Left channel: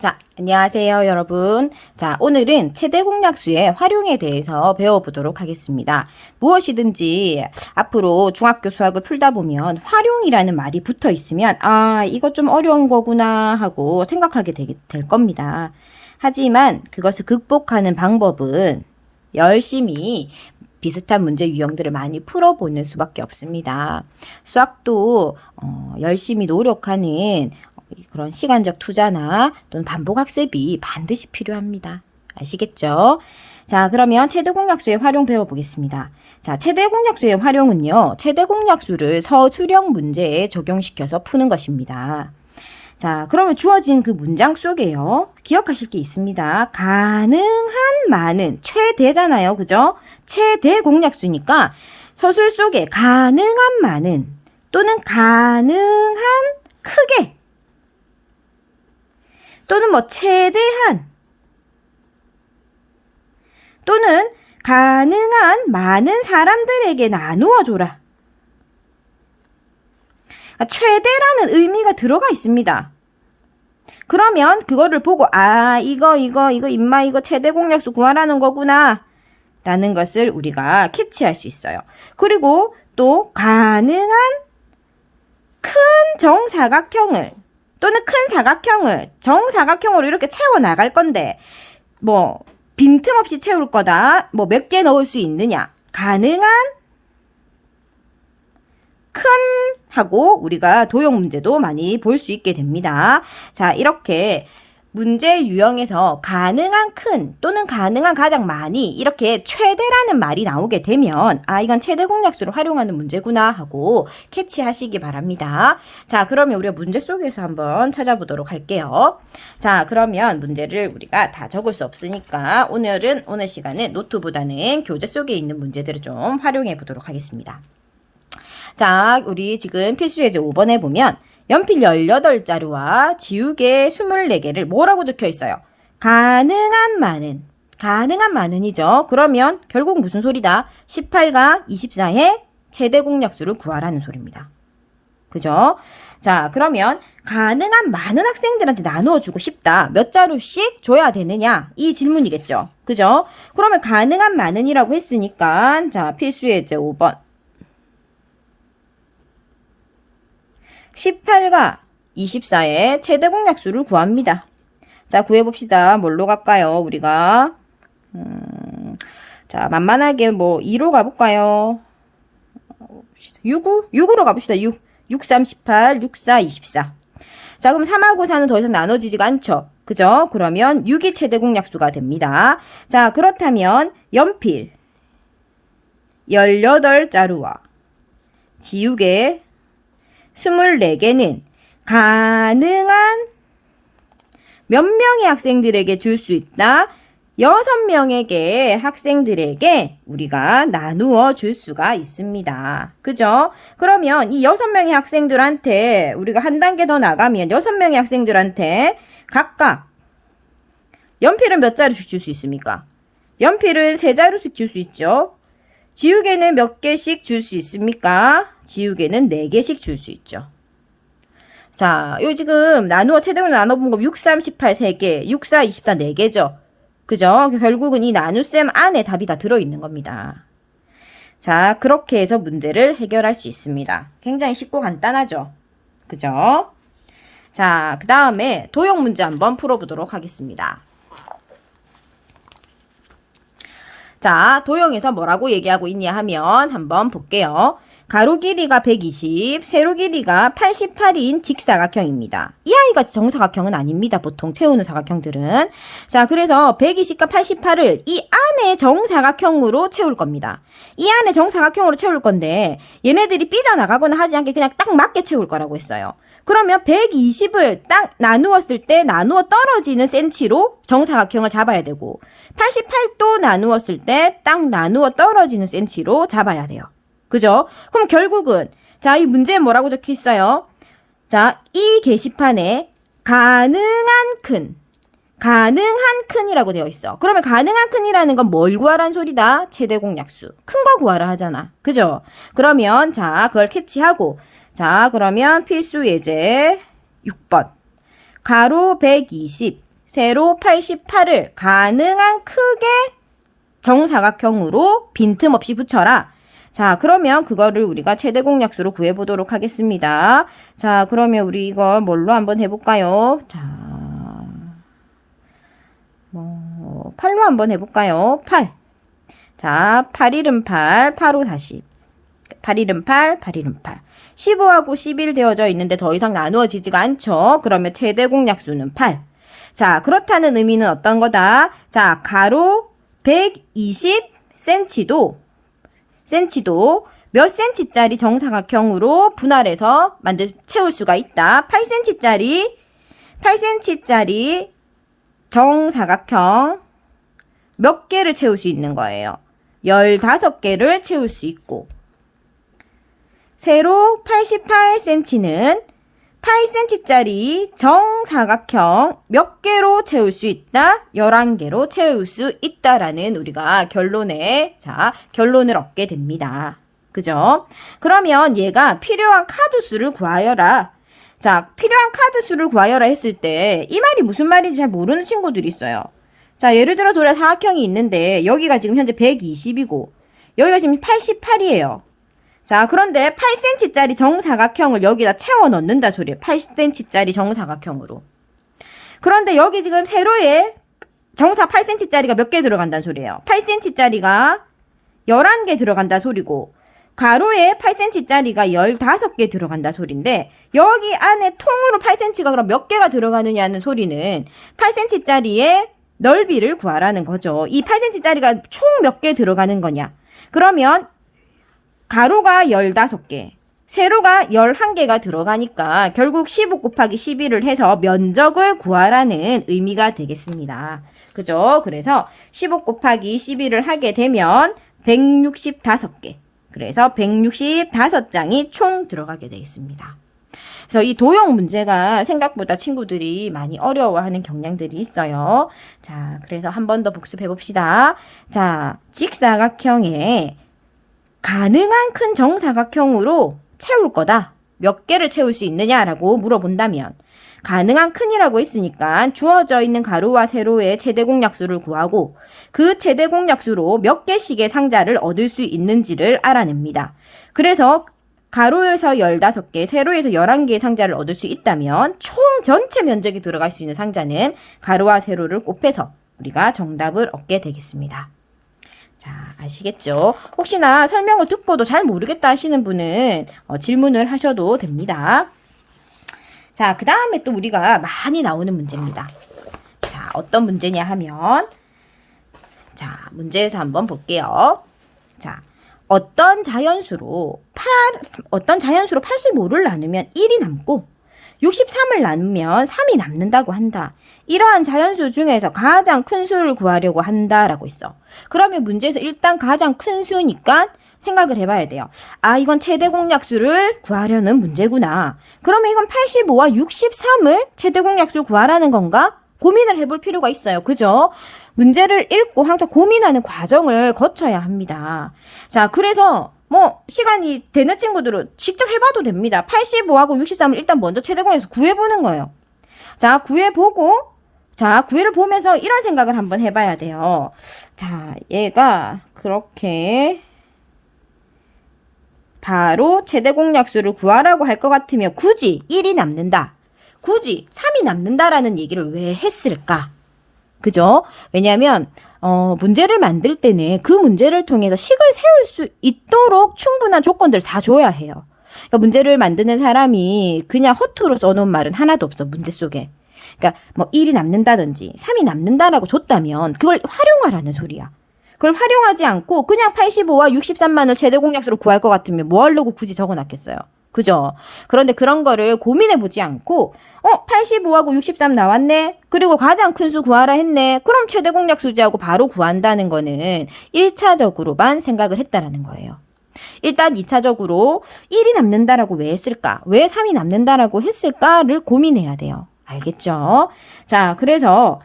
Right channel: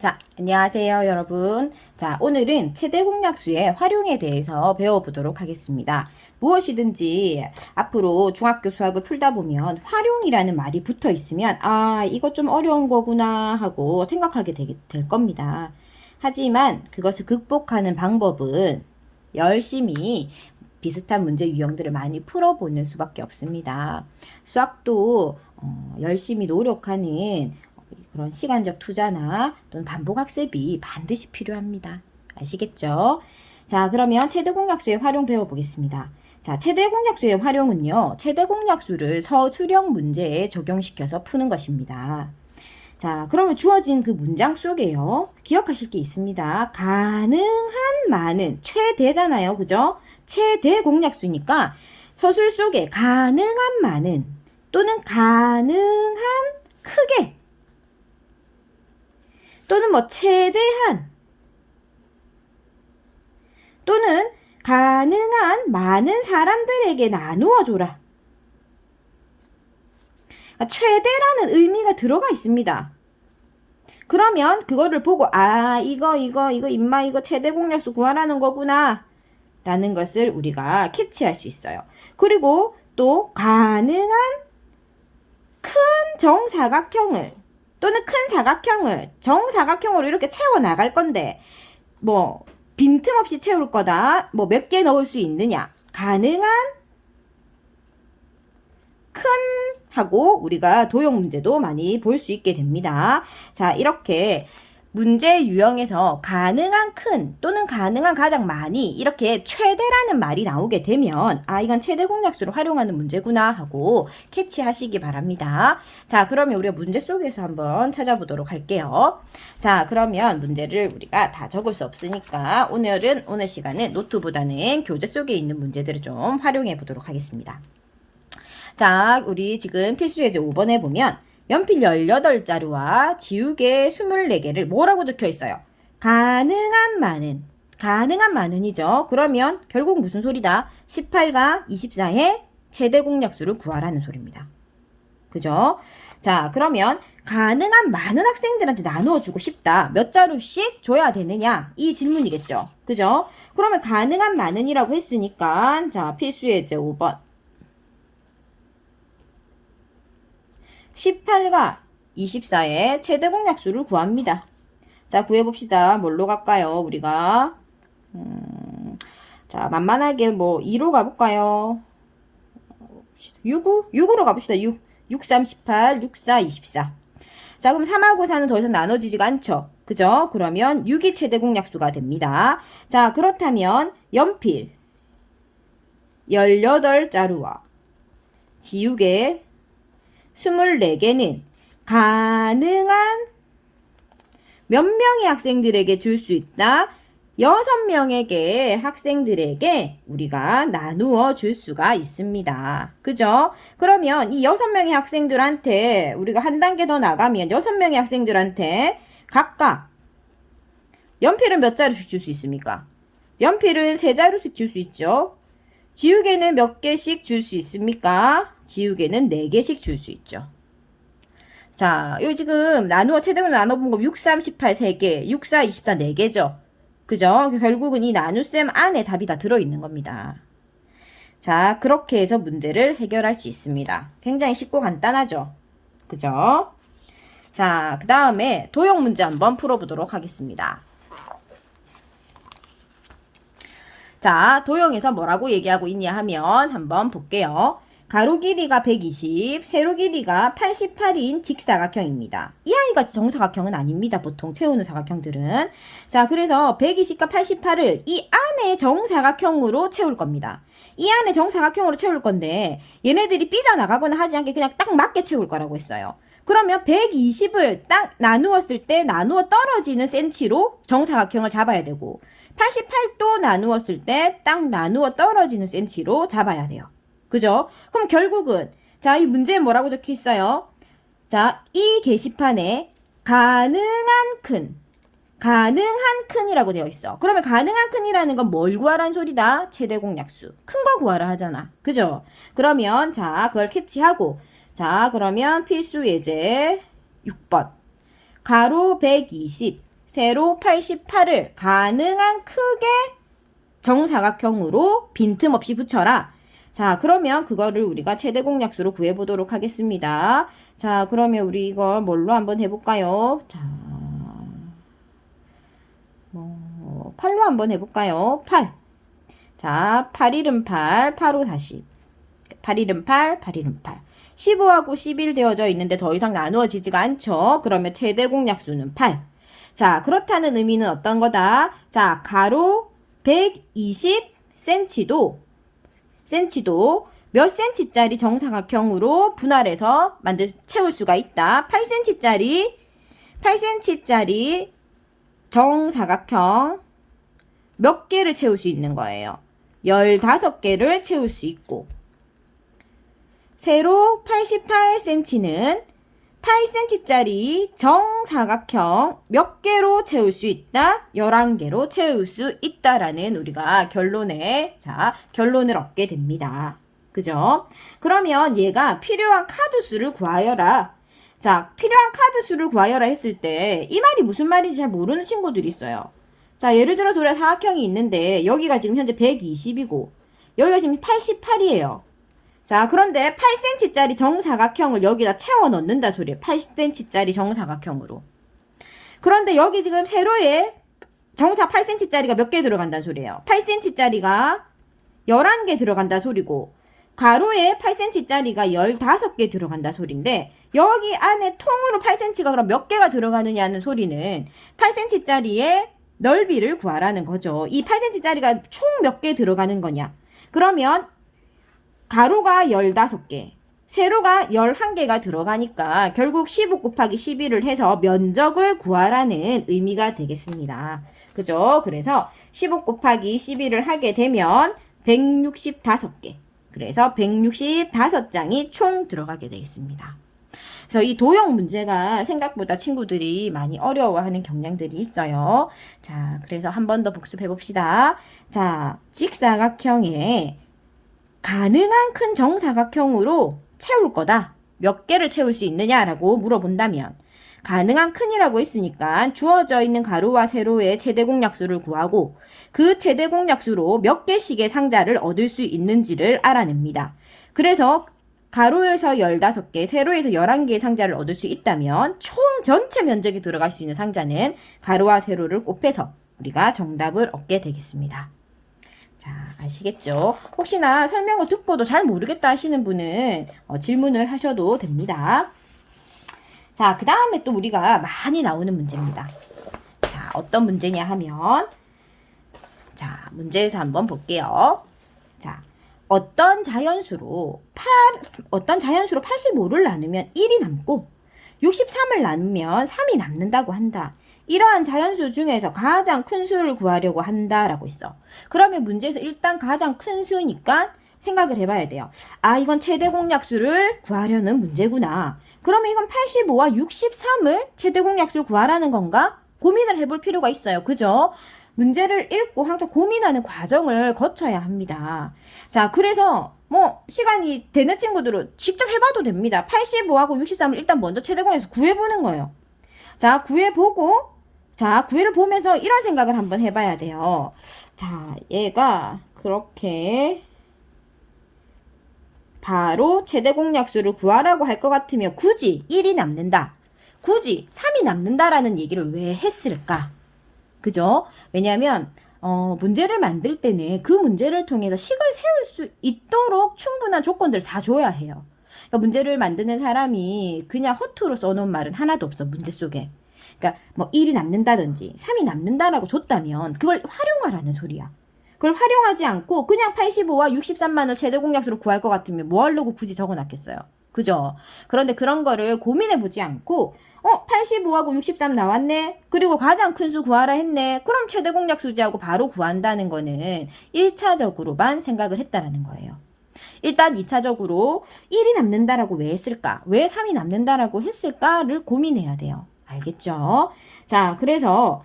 자, 안녕하세요, 여러분. 자, 오늘은 최대 공약수의 활용에 대해서 배워보도록 하겠습니다. 무엇이든지 앞으로 중학교 수학을 풀다 보면 활용이라는 말이 붙어 있으면, 아, 이거 좀 어려운 거구나 하고 생각하게 될 겁니다. 하지만 그것을 극복하는 방법은 열심히 비슷한 문제 유형들을 많이 풀어보는 수밖에 없습니다. 수학도 열심히 노력하는 그런 시간적 투자나 또는 반복 학습이 반드시 필요합니다. 아시겠죠? 자, 그러면 최대 공약수의 활용 배워보겠습니다. 자, 최대 공약수의 활용은요, 최대 공약수를 서술형 문제에 적용시켜서 푸는 것입니다. 자, 그러면 주어진 그 문장 속에요, 기억하실 게 있습니다. 가능한 많은, 최대잖아요. 그죠? 최대 공약수니까 서술 속에 가능한 많은 또는 가능한 크게 또는 뭐 최대한 또는 가능한 많은 사람들에게 나누어 줘라. 최대라는 의미가 들어가 있습니다. 그러면 그거를 보고 이거 임마 이거 최대 공약수 구하라는 거구나 라는 것을 우리가 캐치할 수 있어요. 그리고 또 가능한 큰 정사각형을 또는 큰 사각형을 정사각형으로 이렇게 채워 나갈 건데 뭐 빈틈없이 채울 거다. 뭐 몇 개 넣을 수 있느냐. 가능한 큰 하고 우리가 도형 문제도 많이 볼 수 있게 됩니다. 자, 이렇게 문제 유형에서 가능한 큰 또는 가능한 가장 많이 이렇게 최대라는 말이 나오게 되면 이건 최대 공약수를 활용하는 문제구나 하고 캐치하시기 바랍니다. 자, 그러면 우리가 문제 속에서 한번 찾아보도록 할게요. 자, 그러면 문제를 우리가 다 적을 수 없으니까 오늘 시간에 노트보다는 교재 속에 있는 문제들을 좀 활용해 보도록 하겠습니다. 자, 우리 지금 필수예제 5번에 보면 연필 18자루와 지우개 24개를 뭐라고 적혀 있어요? 가능한 많은이죠. 그러면 결국 무슨 소리다? 18과 24의 최대 공약수를 구하라는 소리입니다. 그죠? 자, 그러면 가능한 많은 학생들한테 나누어 주고 싶다. 몇 자루씩 줘야 되느냐? 이 질문이겠죠. 그죠? 그러면 가능한 많은이라고 했으니까 자, 필수예제 5번 18과 24의 최대 공약수를 구합니다. 자, 구해봅시다. 뭘로 갈까요? 우리가 자, 만만하게 뭐 2로 가볼까요? 6으로 가봅시다. 6, 3, 18, 6, 4, 24. 자, 그럼 3하고 4는 더 이상 나눠지지가 않죠. 그죠? 그러면 6이 최대 공약수가 됩니다. 자, 그렇다면 연필 18자루와 지우개 24개는 가능한 몇 명의 학생들에게 줄 수 있다? 6명에게 학생들에게 우리가 나누어 줄 수가 있습니다. 그죠? 그러면 이 6명의 학생들한테 우리가 한 단계 더 나가면 6명의 학생들한테 각각 연필은 몇 자루씩 줄 수 있습니까? 연필은 3자루씩 줄 수 있죠. 지우개는 몇 개씩 줄 수 있습니까? 지우개는 4개씩 줄 수 있죠. 자, 요 지금 최대로 나눠본 거 6, 3, 18 3개, 6, 4, 24 4개죠. 그죠? 결국은 이 나눗셈 안에 답이 다 들어있는 겁니다. 자, 그렇게 해서 문제를 해결할 수 있습니다. 굉장히 쉽고 간단하죠? 그죠? 자, 그 다음에 도형 문제 한번 풀어보도록 하겠습니다. 자, 도형에서 뭐라고 얘기하고 있냐 하면 한번 볼게요. 가로 길이가 120, 세로 길이가 88인 직사각형입니다. 이 아이가 정사각형은 아닙니다. 보통 채우는 사각형들은. 자, 그래서 120과 88을 이 안에 정사각형으로 채울 겁니다. 이 안에 정사각형으로 채울 건데 얘네들이 삐져나가거나 하지 않게 그냥 딱 맞게 채울 거라고 했어요. 그러면 120을 딱 나누었을 때 나누어 떨어지는 센치로 정사각형을 잡아야 되고 88도 나누었을 때 딱 나누어 떨어지는 센치로 잡아야 돼요. 그죠? 그럼 결국은 자, 이 문제에 뭐라고 적혀 있어요? 자, 이 게시판에 가능한 큰이라고 되어 있어. 그러면 가능한 큰이라는 건 뭘 구하라는 소리다? 최대 공약수. 큰 거 구하라 하잖아. 그죠? 그러면 자, 그걸 캐치하고 자, 그러면 필수 예제 6번 가로 120 세로 88을 가능한 크게 정사각형으로 빈틈없이 붙여라. 자, 그러면 그거를 우리가 최대 공약수로 구해보도록 하겠습니다. 자, 그러면 우리 이거 뭘로 한번 해볼까요? 자, 8로 한번 해볼까요? 8. 자, 8일은 8, 8호 40. 8일은 8, 8일은 8. 15하고 11 되어져 있는데 더 이상 나누어지지가 않죠. 그러면 최대 공약수는 8. 자, 그렇다는 의미는 어떤 거다? 자, 가로 120cm도 몇 cm짜리 정사각형으로 분할해서 채울 수가 있다. 8cm짜리 정사각형 몇 개를 채울 수 있는 거예요. 15개를 채울 수 있고, 세로 88cm는 8cm짜리 정사각형 몇 개로 채울 수 있다? 11개로 채울 수 있다라는 우리가 결론을 얻게 됩니다. 그죠? 그러면 얘가 필요한 카드수를 구하여라. 자, 필요한 카드수를 구하여라 했을 때 이 말이 무슨 말인지 잘 모르는 친구들이 있어요. 자, 예를 들어서 우리가 사각형이 있는데 여기가 지금 현재 120이고 여기가 지금 88이에요. 자, 그런데 8cm짜리 정사각형을 여기다 채워 넣는다 소리예요. 8cm짜리 정사각형으로. 그런데 여기 지금 세로에 정사 8cm짜리가 몇 개 들어간다는 소리예요. 8cm짜리가 11개 들어간다 소리고, 가로에 8cm짜리가 15개 들어간다 소리인데, 여기 안에 통으로 8cm가 그럼 몇 개가 들어가느냐는 소리는 8cm짜리의 넓이를 구하라는 거죠. 이 8cm짜리가 총 몇 개 들어가는 거냐? 그러면 가로가 15개, 세로가 11개가 들어가니까 결국 15 곱하기 11을 해서 면적을 구하라는 의미가 되겠습니다. 그죠? 그래서 15 곱하기 11을 하게 되면 165개. 그래서 165장이 총 들어가게 되겠습니다. 그래서 이 도형 문제가 생각보다 친구들이 많이 어려워하는 경향들이 있어요. 자, 그래서 한 번 더 복습해 봅시다. 자, 직사각형에 가능한 큰 정사각형으로 채울 거다. 몇 개를 채울 수 있느냐라고 물어본다면, 가능한 큰이라고 했으니까 주어져 있는 가로와 세로의 최대 공약수를 구하고 그 최대 공약수로 몇 개씩의 상자를 얻을 수 있는지를 알아냅니다. 그래서 가로에서 15개, 세로에서 11개의 상자를 얻을 수 있다면 총 전체 면적이 들어갈 수 있는 상자는 가로와 세로를 곱해서 우리가 정답을 얻게 되겠습니다. 자, 아시겠죠? 혹시나 설명을 듣고도 잘 모르겠다 하시는 분은 질문을 하셔도 됩니다. 자, 그 다음에 또 우리가 많이 나오는 문제입니다. 자, 어떤 문제냐 하면, 자, 문제에서 한번 볼게요. 자, 어떤 자연수로 85를 나누면 1이 남고 63을 나누면 3이 남는다고 한다. 이러한 자연수 중에서 가장 큰 수를 구하려고 한다라고 있어. 그러면 문제에서 일단 가장 큰 수니까 생각을 해봐야 돼요. 아, 이건 최대 공약수를 구하려는 문제구나. 그러면 이건 85와 63을 최대 공약수를 구하라는 건가? 고민을 해볼 필요가 있어요. 그죠? 문제를 읽고 항상 고민하는 과정을 거쳐야 합니다. 자, 그래서 시간이 되는 친구들은 직접 해봐도 됩니다. 85하고 63을 일단 먼저 최대 공약수 구해보는 거예요. 자, 구해를 보면서 이런 생각을 한번 해봐야 돼요. 자, 얘가 그렇게 바로 최대 공약수를 구하라고 할 것 같으면 굳이 1이 남는다, 굳이 3이 남는다라는 얘기를 왜 했을까? 그죠? 왜냐하면 문제를 만들 때는 그 문제를 통해서 식을 세울 수 있도록 충분한 조건들을 다 줘야 해요. 그러니까 문제를 만드는 사람이 그냥 허투루 써놓은 말은 하나도 없어, 문제 속에. 그러니까 1이 남는다든지 3이 남는다라고 줬다면 그걸 활용하라는 소리야. 그걸 활용하지 않고 그냥 85와 63만을 최대 공약수로 구할 것 같으면 뭐 하려고 굳이 적어놨겠어요. 그죠? 그런데 그런 거를 고민해보지 않고 85하고 63 나왔네? 그리고 가장 큰 수 구하라 했네? 그럼 최대 공약수지하고 바로 구한다는 거는 1차적으로만 생각을 했다라는 거예요. 일단 2차적으로 1이 남는다라고 왜 했을까? 왜 3이 남는다라고 했을까를 고민해야 돼요. 알겠죠? 자, 그래서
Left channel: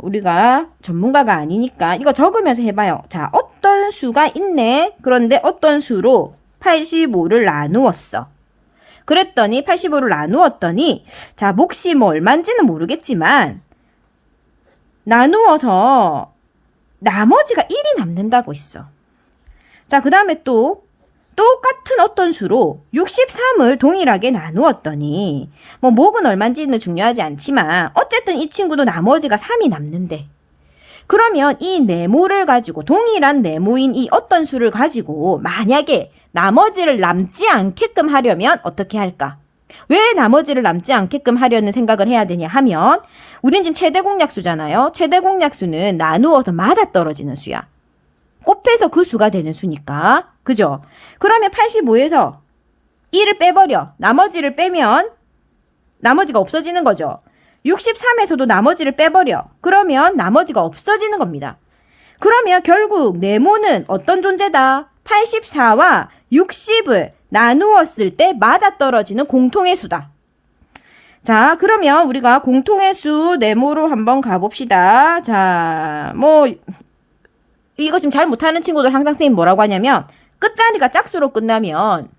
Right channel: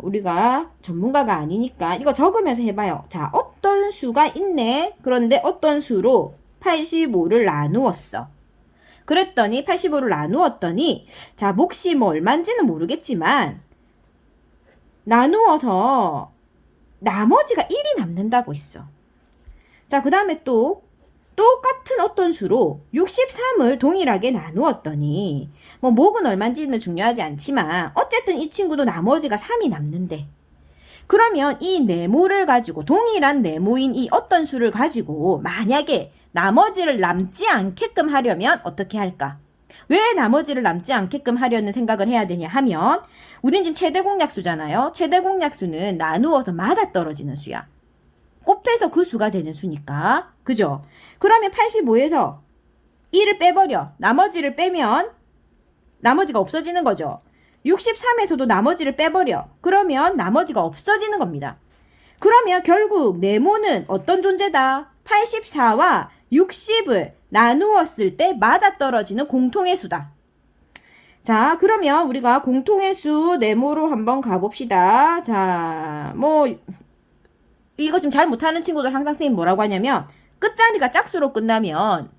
우리가 전문가가 아니니까 이거 적으면서 해봐요. 자, 어떤 수가 있네. 그런데 어떤 수로 85를 나누었어. 그랬더니 85를 나누었더니 자, 몫이 얼마인지는 모르겠지만 나누어서 나머지가 1이 남는다고 했어. 자, 그 다음에 또 똑같은 어떤 수로 63을 동일하게 나누었더니 뭐 목은 얼마인지는 중요하지 않지만 어쨌든 이 친구도 나머지가 3이 남는데, 그러면 이 네모를 가지고 동일한 네모인 이 어떤 수를 가지고 만약에 나머지를 남지 않게끔 하려면 어떻게 할까? 왜 나머지를 남지 않게끔 하려는 생각을 해야 되냐 하면, 우린 지금 최대 공약수잖아요. 최대 공약수는 나누어서 맞아떨어지는 수야. 곱해서 그 수가 되는 수니까. 그죠? 그러면 85에서 1을 빼버려. 나머지를 빼면 나머지가 없어지는 거죠. 63에서도 나머지를 빼버려. 그러면 나머지가 없어지는 겁니다. 그러면 결국 네모는 어떤 존재다? 84와 60을 나누었을 때 맞아떨어지는 공통의 수다. 자, 그러면 우리가 공통의 수 네모로 한번 가봅시다. 자, 뭐 이거 지금 잘 못하는 친구들 항상 선생님 뭐라고 하냐면, 끝자리가 짝수로 끝나면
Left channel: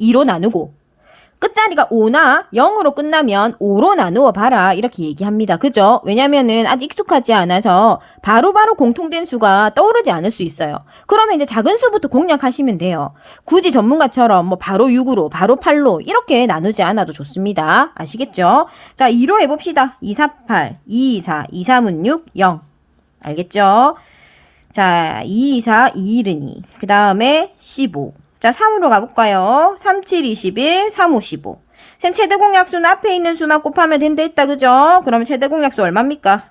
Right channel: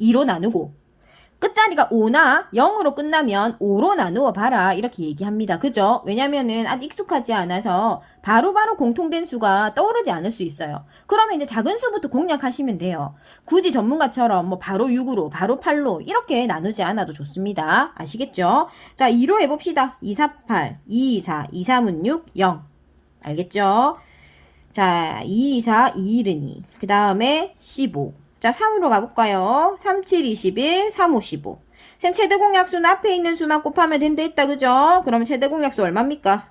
2로 나누고 끝자리가 5나 0으로 끝나면 5로 나누어 봐라, 이렇게 얘기합니다. 그죠? 왜냐면은 아직 익숙하지 않아서 바로바로 공통된 수가 떠오르지 않을 수 있어요. 그러면 이제 작은 수부터 공략하시면 돼요. 굳이 전문가처럼 뭐 바로 6으로 바로 8로 이렇게 나누지 않아도 좋습니다. 아시겠죠? 자, 2로 해봅시다. 2, 4, 8, 2, 4, 2, 3은 6, 0. 알겠죠? 자, 2, 4, 2, 1은 2. 그 다음에 15. 자, 3으로 가볼까요? 3, 7, 21, 3, 5, 15. 쌤, 최대 공약수는 앞에 있는 수만 곱하면 된다 했다, 그죠? 그럼 최대 공약수 얼마입니까?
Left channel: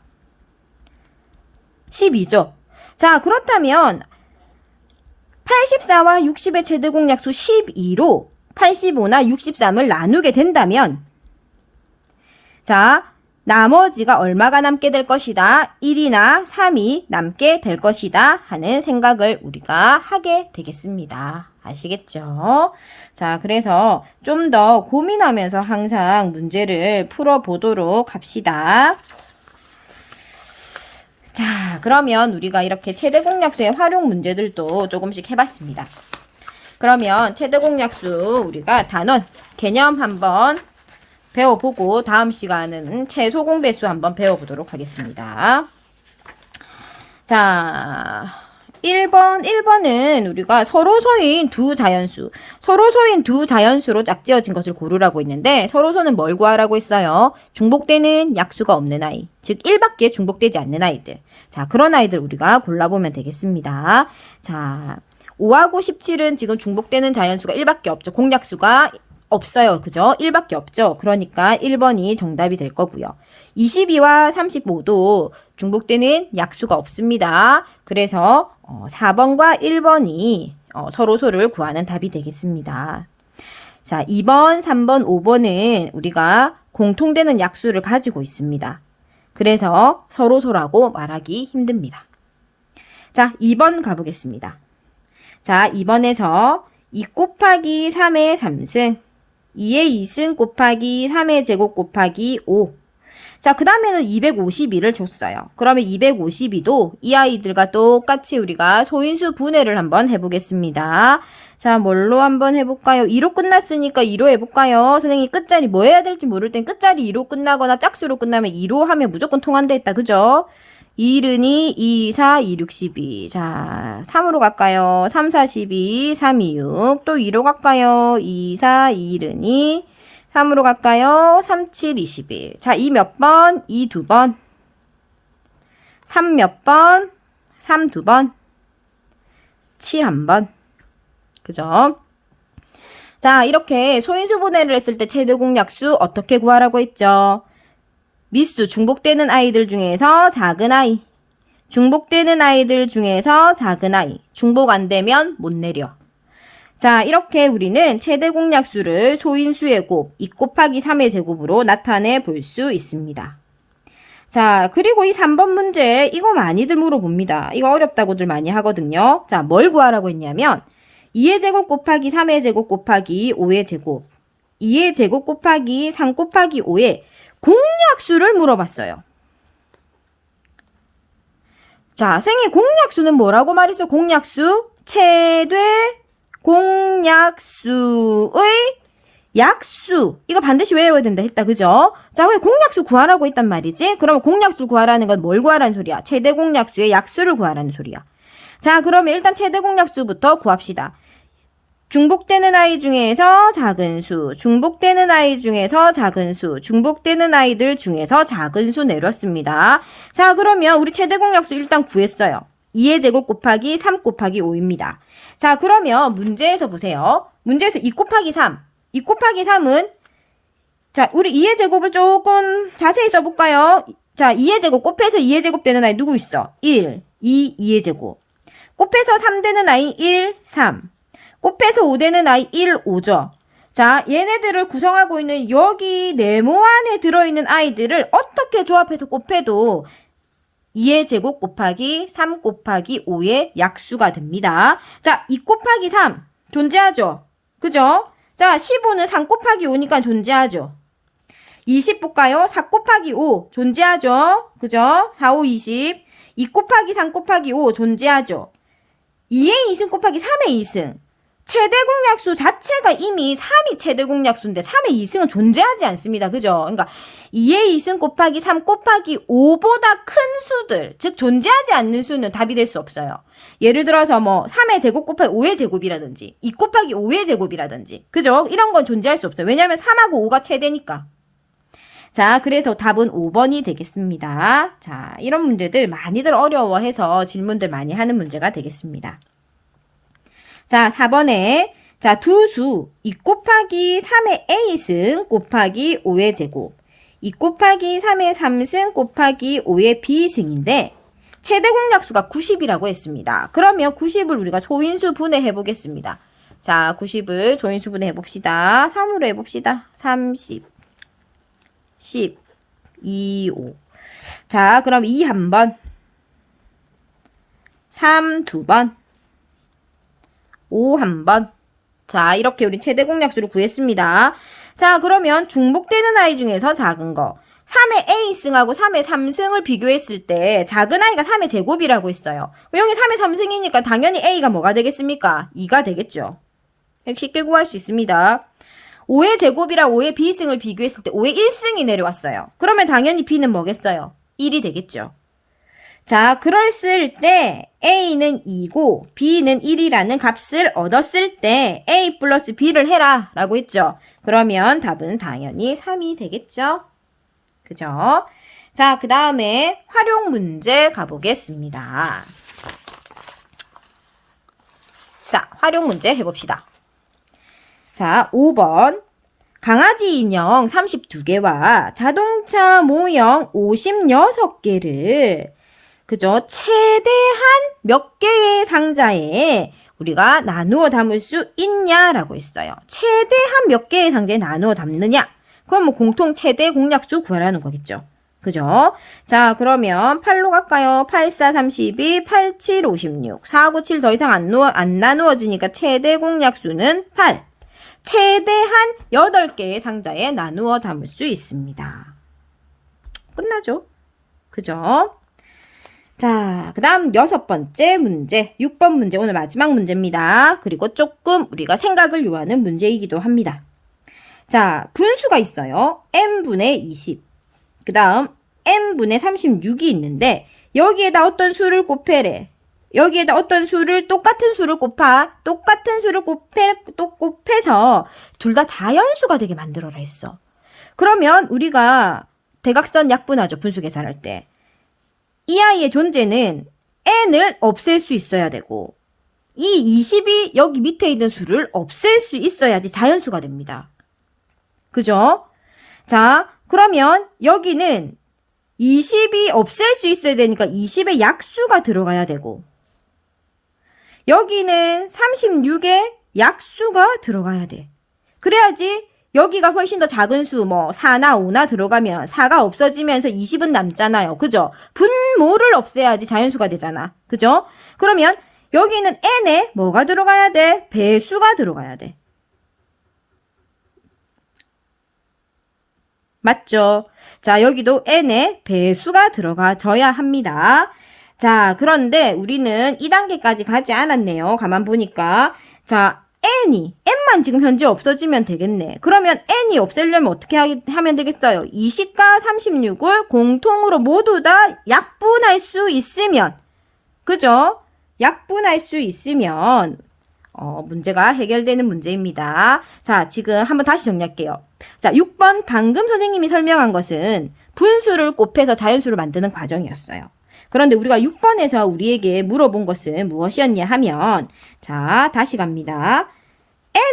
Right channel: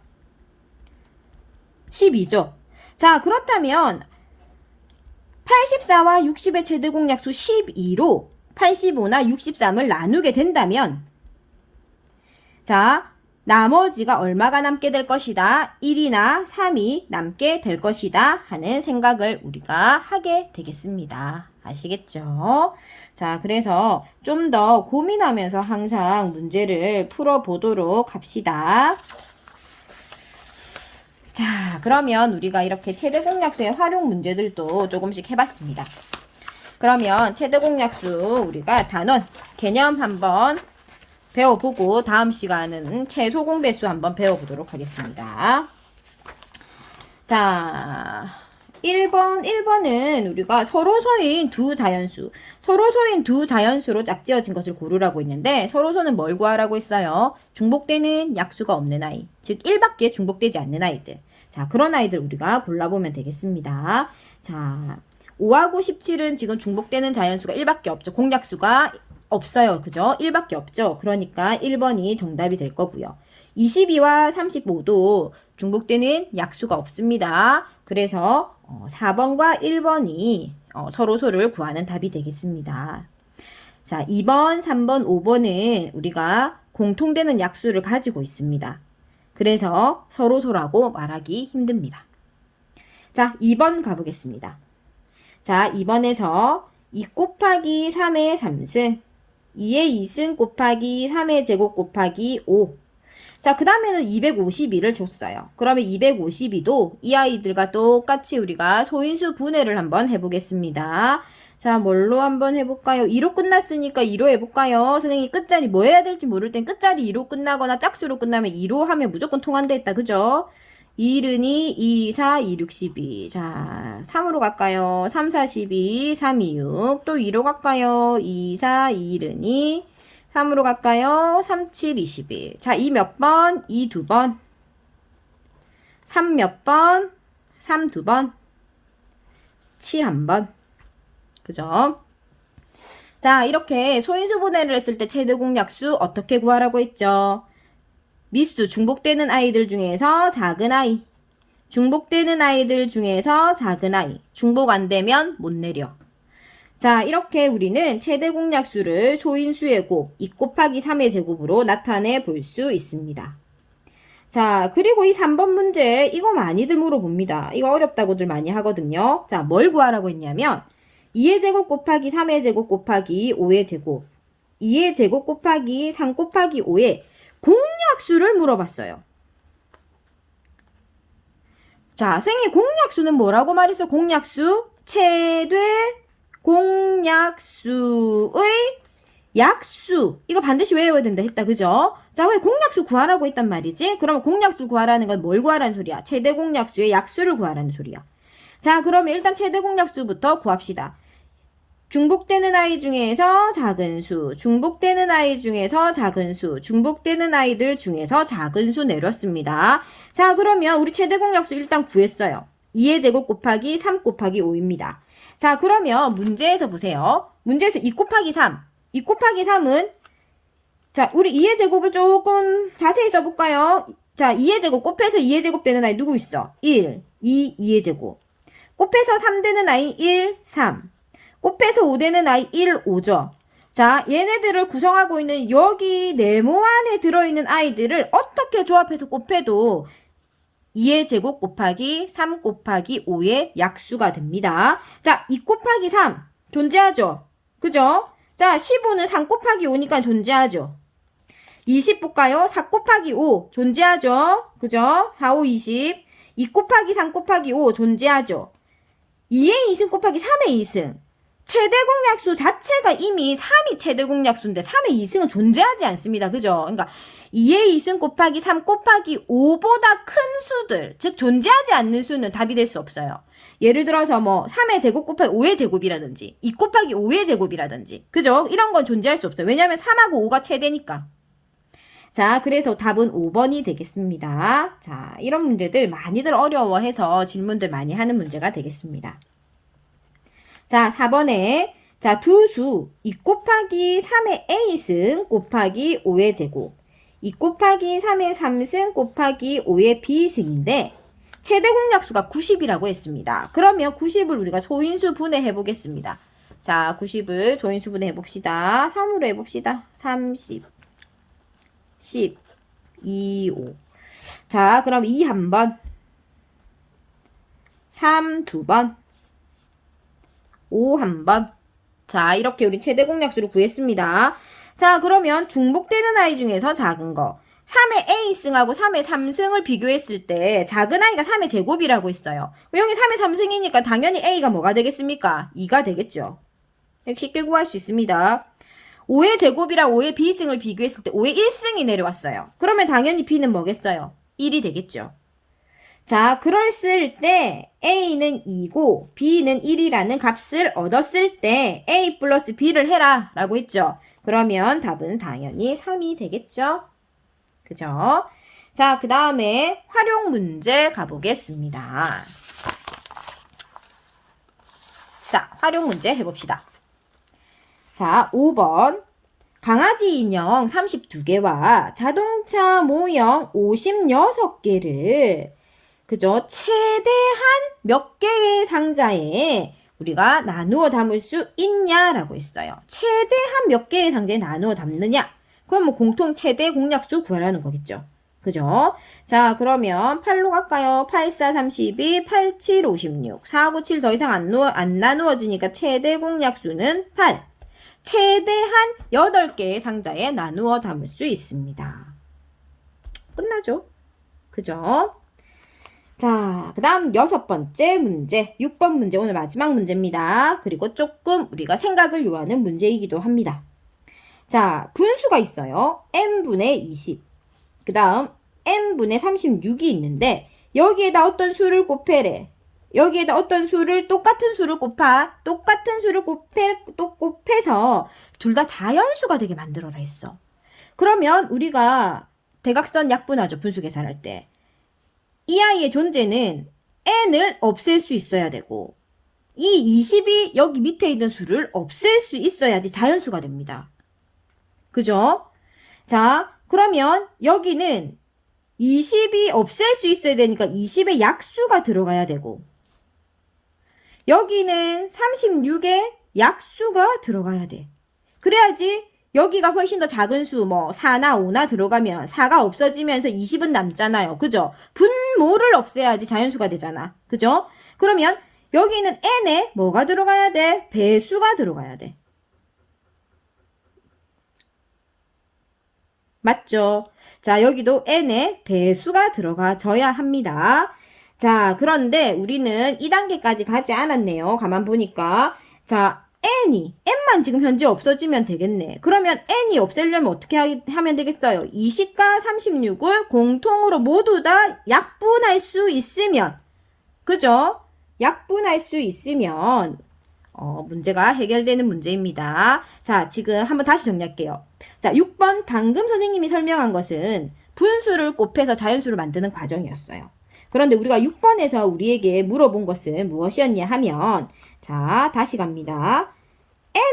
12죠. 자, 그렇다면 84와 60의 최대 공약수 12로 85나 63을 나누게 된다면, 자, 나머지가 얼마가 남게 될 것이다. 1이나 3이 남게 될 것이다 하는 생각을 우리가 하게 되겠습니다. 아시겠죠? 자, 그래서 좀 더 고민하면서 항상 문제를 풀어보도록 합시다. 자, 그러면 우리가 이렇게 최대 공약수의 활용 문제들도 조금씩 해봤습니다. 그러면 최대 공약수 우리가 단원, 개념 한번 배워보고 다음 시간은 최소 공배수 한번 배워보도록 하겠습니다. 자, 1번은 우리가 서로소인 두 자연수, 서로소인 두 자연수로 짝지어진 것을 고르라고 했는데, 서로소는 뭘 구하라고 했어요? 중복되는 약수가 없는 아이, 즉 1밖에 중복되지 않는 아이들. 자, 그런 아이들 우리가 골라보면 되겠습니다. 자, 5하고 17은 지금 중복되는 자연수가 1밖에 없죠. 공약수가 없어요. 그죠? 1밖에 없죠. 그러니까 1번이 정답이 될 거고요. 22와 35도 중복되는 약수가 없습니다. 그래서 4번과 1번이 서로소를 구하는 답이 되겠습니다. 자, 2번, 3번, 5번은 우리가 공통되는 약수를 가지고 있습니다. 그래서 서로소라고 말하기 힘듭니다. 자, 2번 가보겠습니다. 자, 2번에서 2 곱하기 3의 3승, 2의 2승 곱하기 3의 제곱 곱하기 5. 자, 그 다음에는 252를 줬어요. 그러면 252도 이 아이들과 똑같이 우리가 소인수 분해를 한번 해보겠습니다. 자, 뭘로 한번 해볼까요? 2로 끝났으니까 2로 해볼까요? 선생님이 끝자리 뭐 해야 될지 모를 땐 끝자리 2로 끝나거나 짝수로 끝나면 2로 하면 무조건 통한다 했다. 그죠? 2는 2, 2, 4, 2, 6, 12. 자, 3으로 갈까요? 3, 4, 12, 3, 2, 6. 또 2로 갈까요? 2, 4, 2는 2. 3으로 갈까요? 3, 7, 21. 자, 2 몇 번? 2 두 번. 3 몇 번? 3 두 번. 7 한 번. 그죠? 자, 이렇게 소인수 분해를 했을 때 최대 공약수 어떻게 구하라고 했죠? 미수, 중복되는 아이들 중에서 작은 아이. 중복되는 아이들 중에서 작은 아이. 중복 안 되면 못 내려. 자, 이렇게 우리는 최대 공약수를 소인수의 곱, 2 곱하기 3의 제곱으로 나타내 볼 수 있습니다. 자, 그리고 이 3번 문제, 이거 많이들 물어봅니다. 이거 어렵다고들 많이 하거든요. 자, 뭘 구하라고 했냐면 2의 제곱 곱하기 3의 제곱 곱하기 5의 제곱, 2의 제곱 곱하기 3 곱하기 5의 공약수를 물어봤어요. 자, 선생님 공약수는 뭐라고 말했어? 공약수? 최대 공약수의 약수 이거 반드시 외워야 된다 했다. 그죠? 자, 왜 공약수 구하라고 했단 말이지? 그러면 공약수 구하라는 건 뭘 구하라는 소리야? 최대 공약수의 약수를 구하라는 소리야. 자, 그러면 일단 최대 공약수부터 구합시다. 중복되는 아이 중에서 작은 수, 중복되는 아이 중에서 작은 수, 중복되는 아이들 중에서 작은 수 내렸습니다. 자, 그러면 우리 최대 공약수 일단 구했어요. 2의 제곱 곱하기 3 곱하기 5입니다. 자, 그러면 문제에서 보세요. 문제에서 2 곱하기 3. 2 곱하기 3은 자, 우리 2의 제곱을 조금 자세히 써볼까요? 자, 2의 제곱 곱해서 2의 제곱 되는 아이 누구 있어? 1, 2, 2의 제곱. 곱해서 3 되는 아이 1, 3. 곱해서 5 되는 아이 1, 5죠. 자, 얘네들을 구성하고 있는 여기 네모 안에 들어있는 아이들을 어떻게 조합해서 곱해도 2의 제곱 곱하기 3 곱하기 5의 약수가 됩니다. 자, 2 곱하기 3 존재하죠. 그죠? 자, 15는 3 곱하기 5니까 존재하죠. 20 볼까요? 4 곱하기 5 존재하죠. 그죠? 4, 5, 20. 2 곱하기 3 곱하기 5 존재하죠. 2의 2승 곱하기 3의 2승. 최대 공약수 자체가 이미 3이 최대 공약수인데 3의 2승은 존재하지 않습니다. 그죠? 그러니까 2의 2승 곱하기 3 곱하기 5보다 큰 수들, 즉 존재하지 않는 수는 답이 될 수 없어요. 예를 들어서 뭐 3의 제곱 곱하기 5의 제곱이라든지 2 곱하기 5의 제곱이라든지 그죠? 이런 건 존재할 수 없어요. 왜냐하면 3하고 5가 최대니까. 자, 그래서 답은 5번이 되겠습니다. 자, 이런 문제들 많이들 어려워해서 질문들 많이 하는 문제가 되겠습니다. 자, 4번에 자, 두 수 2 곱하기 3의 a승 곱하기 5의 제곱 2 곱하기 3의 3승 곱하기 5의 b승인데 최대 공약수가 90이라고 했습니다. 그러면 90을 우리가 소인수 분해해 보겠습니다. 자, 90을 소인수 분해해 봅시다. 3으로 해봅시다. 30, 10, 2, 5. 자, 그럼 2 한 번, 3 두 번, 5 한 번. 자, 이렇게 우리 최대 공약수를 구했습니다. 자, 그러면 중복되는 아이 중에서 작은 거. 3의 a승하고 3의 3승을 비교했을 때 작은 아이가 3의 제곱이라고 했어요. 여기 3의 3승이니까 당연히 a가 뭐가 되겠습니까? 2가 되겠죠. 쉽게 구할 수 있습니다. 5의 제곱이랑 5의 b승을 비교했을 때 5의 1승이 내려왔어요. 그러면 당연히 b는 뭐겠어요? 1이 되겠죠. 자, 그랬을 때 a는 2고 b는 1이라는 값을 얻었을 때 a 플러스 b를 해라 라고 했죠. 그러면 답은 당연히 3이 되겠죠. 그죠? 자, 그 다음에 활용 문제 가보겠습니다. 자, 활용 문제 해봅시다. 자, 5번. 강아지 인형 32개와 자동차 모형 56개를 그죠? 최대한 몇 개의 상자에 우리가 나누어 담을 수 있냐라고 했어요. 최대한 몇 개의 상자에 나누어 담느냐? 그럼 뭐 공통 최대 공약수 구하라는 거겠죠. 그죠? 자, 그러면 8로 갈까요? 8, 4, 32, 8, 7, 56. 4, 9, 7 더 이상 안 나누어지니까 최대 공약수는 8. 최대한 8개의 상자에 나누어 담을 수 있습니다. 끝나죠? 그죠? 자, 그 다음 6번째 문제, 6번 문제 오늘 마지막 문제입니다. 그리고 조금 우리가 생각을 요하는 문제이기도 합니다. 자, 분수가 있어요. n분의 20. 그 다음 n분의 36이 있는데 여기에다 어떤 수를 곱해래. 여기에다 어떤 수를 똑같은 수를 곱해서 둘 다 자연수가 되게 만들어라 했어. 그러면 우리가 대각선 약분하죠. 분수 계산할 때. 이 아이의 존재는 n을 없앨 수 있어야 되고 이 20이 여기 밑에 있는 수를 없앨 수 있어야지 자연수가 됩니다. 그죠? 자, 그러면 여기는 20이 없앨 수 있어야 되니까 20의 약수가 들어가야 되고 여기는 36의 약수가 들어가야 돼. 그래야지 여기가 훨씬 더 작은 수, 뭐 4나 5나 들어가면 4가 없어지면서 20은 남잖아요. 그죠? 분모를 없애야지 자연수가 되잖아. 그죠? 그러면 여기는 n에 뭐가 들어가야 돼? 배수가 들어가야 돼. 맞죠? 자, 여기도 n에 배수가 들어가줘야 합니다. 자, 그런데 우리는 2단계까지 가지 않았네요. 가만 보니까. 자, n만 지금 현재 없어지면 되겠네. 그러면 n이 없애려면 어떻게 하면 되겠어요? 20과 36을 공통으로 모두 다 약분할 수 있으면, 그죠? 약분할 수 있으면 문제가 해결되는 문제입니다. 자, 지금 한번 다시 정리할게요. 자, 6번 방금 선생님이 설명한 것은 분수를 곱해서 자연수를 만드는 과정이었어요. 그런데 우리가 6번에서 우리에게 물어본 것은 무엇이었냐 하면, 자, 다시 갑니다.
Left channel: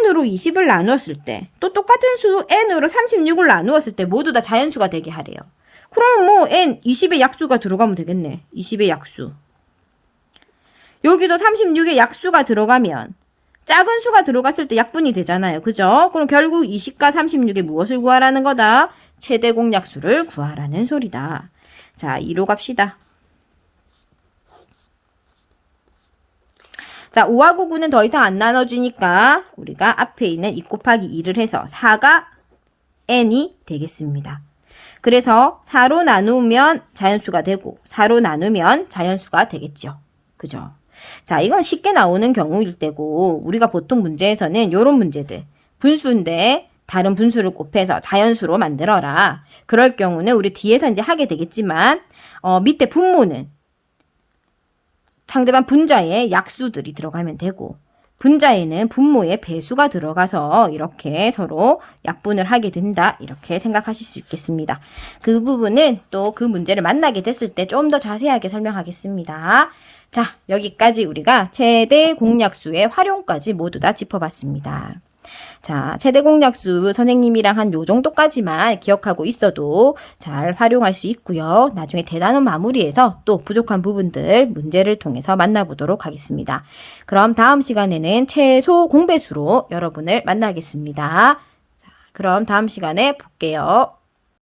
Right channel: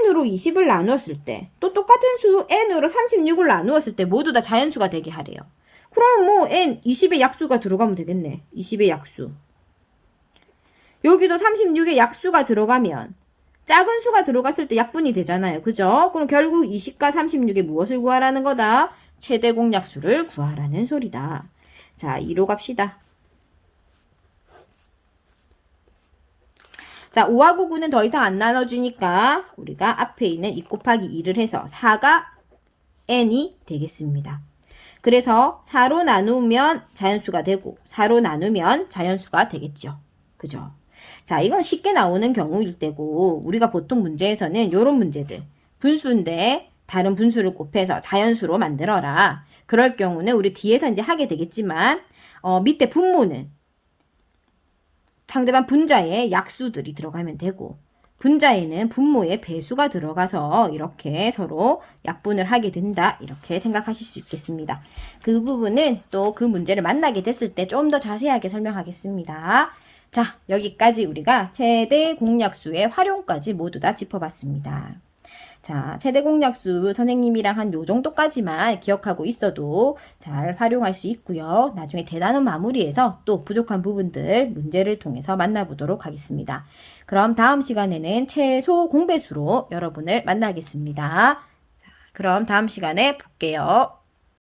n으로 20을 나누었을 때, 또 똑같은 수 n으로 36을 나누었을 때 모두 다 자연수가 되게 하래요. 그러면 뭐 n 20의 약수가 들어가면 되겠네. 20의 약수. 여기도 36의 약수가 들어가면 작은 수가 들어갔을 때 약분이 되잖아요. 그죠? 그럼 결국 20과 36의 무엇을 구하라는 거다? 최대 공약수를 구하라는 소리다. 자, 2로 갑시다. 자, 5하고 9는 더 이상 안 나눠주니까 우리가 앞에 있는 2 곱하기 2를 해서 4가 n이 되겠습니다. 그래서 4로 나누면 자연수가 되고 4로 나누면 자연수가 되겠죠. 그죠? 자, 이건 쉽게 나오는 경우일 때고 우리가 보통 문제에서는 이런 문제들, 분수인데 다른 분수를 곱해서 자연수로 만들어라. 그럴 경우는 우리 뒤에서 이제 하게 되겠지만 밑에 분모는 상대방 분자에 약수들이 들어가면 되고 분자에는 분모의 배수가 들어가서 이렇게 서로 약분을 하게 된다. 이렇게 생각하실 수 있겠습니다. 그 부분은 또 그 문제를 만나게 됐을 때 좀 더 자세하게 설명하겠습니다. 자, 여기까지 우리가 최대 공약수의 활용까지 모두 다 짚어봤습니다. 자, 최대 공약수 선생님이랑 한 요 정도까지만 기억하고 있어도 잘 활용할 수 있고요. 나중에 대단원 마무리해서 또 부족한 부분들 문제를 통해서 만나보도록 하겠습니다. 그럼 다음 시간에는 최소 공배수로 여러분을 만나겠습니다. 자, 그럼 다음 시간에 볼게요.